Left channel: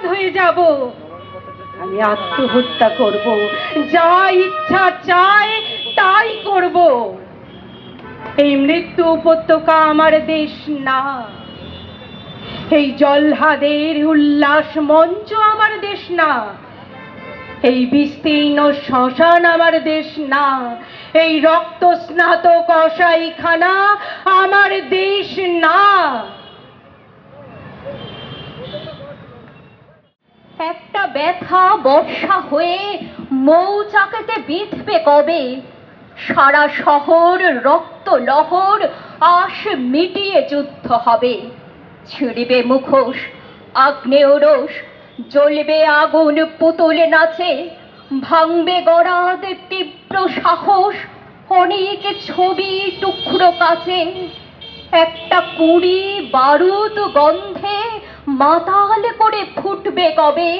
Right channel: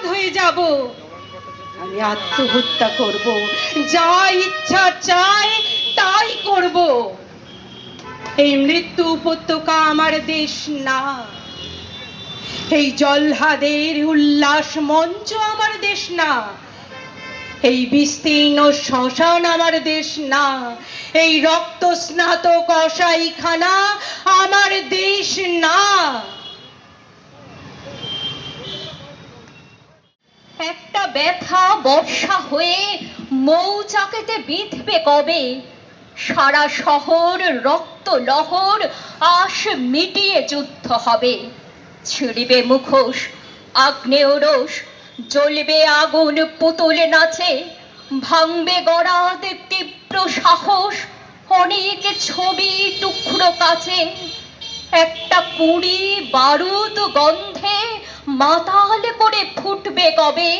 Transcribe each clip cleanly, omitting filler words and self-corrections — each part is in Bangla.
উন্মাদ হয়ে যাব, আমি আত্মহত্যা করব, যা ইচ্ছা চাই তাই করব। এই মৃত্যু উপত্যকা আমার দেশ না, এই জল্লাদের উল্লাস মঞ্চ আমার দেশ না, এই বিস্তীর্ণ শ্মশান আমার দেশ না, এই রক্ত স্নাত কসাইখানা আমার দেশ না। একটা ব্যথা বর্ষা হয়ে মৌচাকেতে বিঁধবে কবে, সারা শহর রক্ত লহর আশ মিটিয়ে যুদ্ধ হবে। ছিড়বে মুখোশ আগ্নেয় রোষ, জ্বলবে আগুন পুতুল নাচে, ভাঙবে গরাদ তীব্র সাহস, অনেক ছবি টুকরো কাছে। একটা কুড়ি বারুদ গন্ধে মাতাল করে ফুটবে কবে,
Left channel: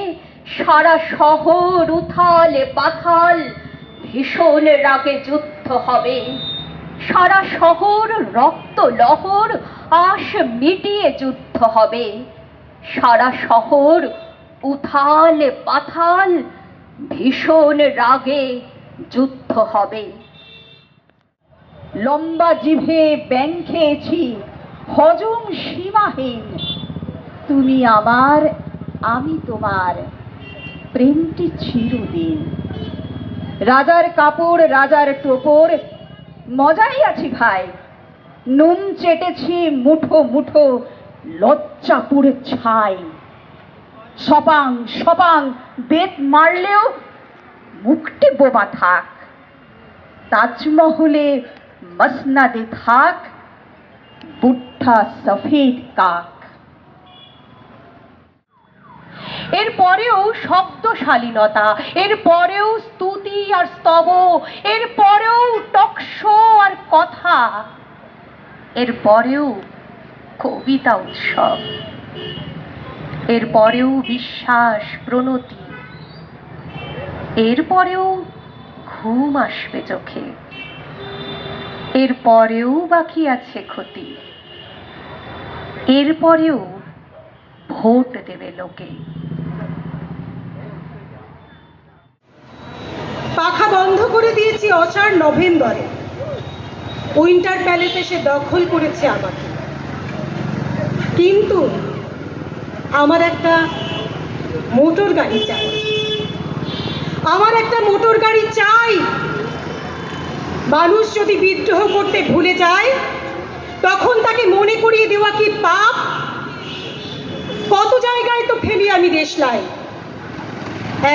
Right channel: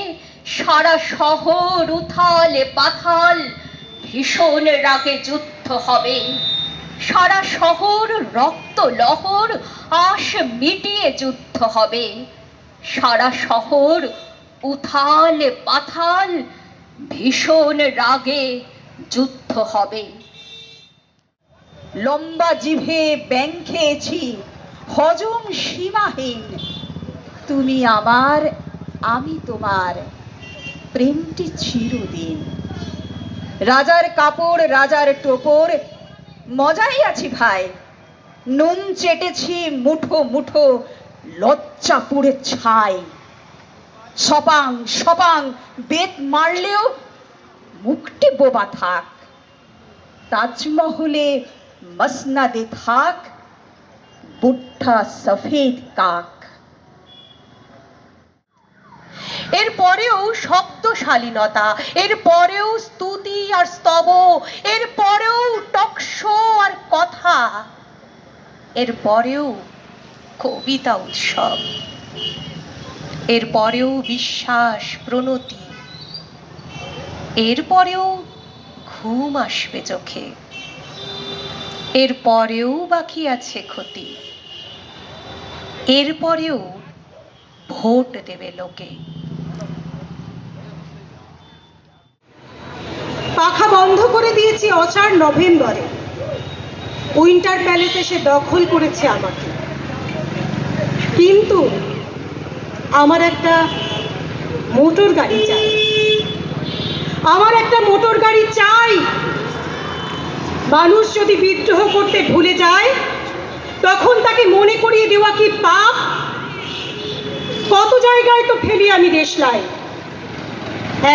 সারা শহর উথাল পাথাল ভীষণ রাগে যুদ্ধ হবে। সারা শহর রক্ত লহর আশ মিটিয়ে যুদ্ধ হবে, সারা শহর উথাল পাথাল ভীষণ রাগে যুদ্ধ হবে। লম্বা জিভে ব্যাং খেয়েছি হজম সীমাহীন, তুমি আমার আমি তোমার, প্রেমটি চিরদিন। রাজার কাপড় রাজার টোপর মজাই আছি ভাই, নুন চেটেছি মুঠো মুঠো লজ্জা পুড়ে ছাই। সপাং সপাং বেত মারলেও মুখটি বোবা থাক, তাজমহলে মসনদে থাক বুদ্ধা সফেদ কাক। এরপরেও শব্দশালীনতা, এরপরেও স্তুতি আর স্তব, এরপরেও টকশো আর কথা, এরপরেও কবিতা উৎসব, এরপরেও বিশ্বাস প্রণতি, এরপরেও ঘুম আসবে চোখে, এরপরেও বাকি আছে ক্ষতি, এরপরেও ভোট দেবে লোকে। পাখা বন্ধ করে দিয়েছি অষাঢ় নভেম্বরে, উইন্টার প্যালেস এসে দখল করেছে আমাকে। কিন্তু আমার একটা মোটর গাড়ি চাই, আমার একটা মোটর গাড়ি চাই। মানুষ যদি বিদ্রোহ করতে ভুলে যায়, তখন তাকে মনে করিয়ে দেওয়া কি পাপ? কত জায়গায় তো ফেলি আমি দেশলাই,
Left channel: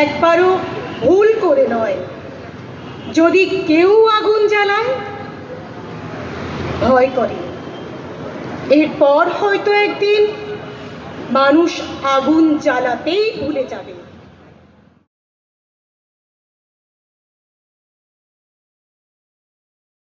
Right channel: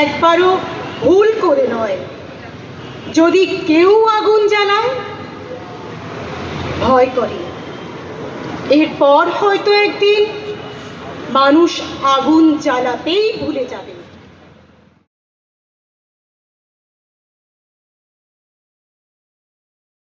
একবারও ভুল করে নয়। যদি কেউ আগুন জ্বালায় ভয় করে, এরপর হয়তো একদিন মানুষ আগুন জ্বালাতেই ভুলে যাবে।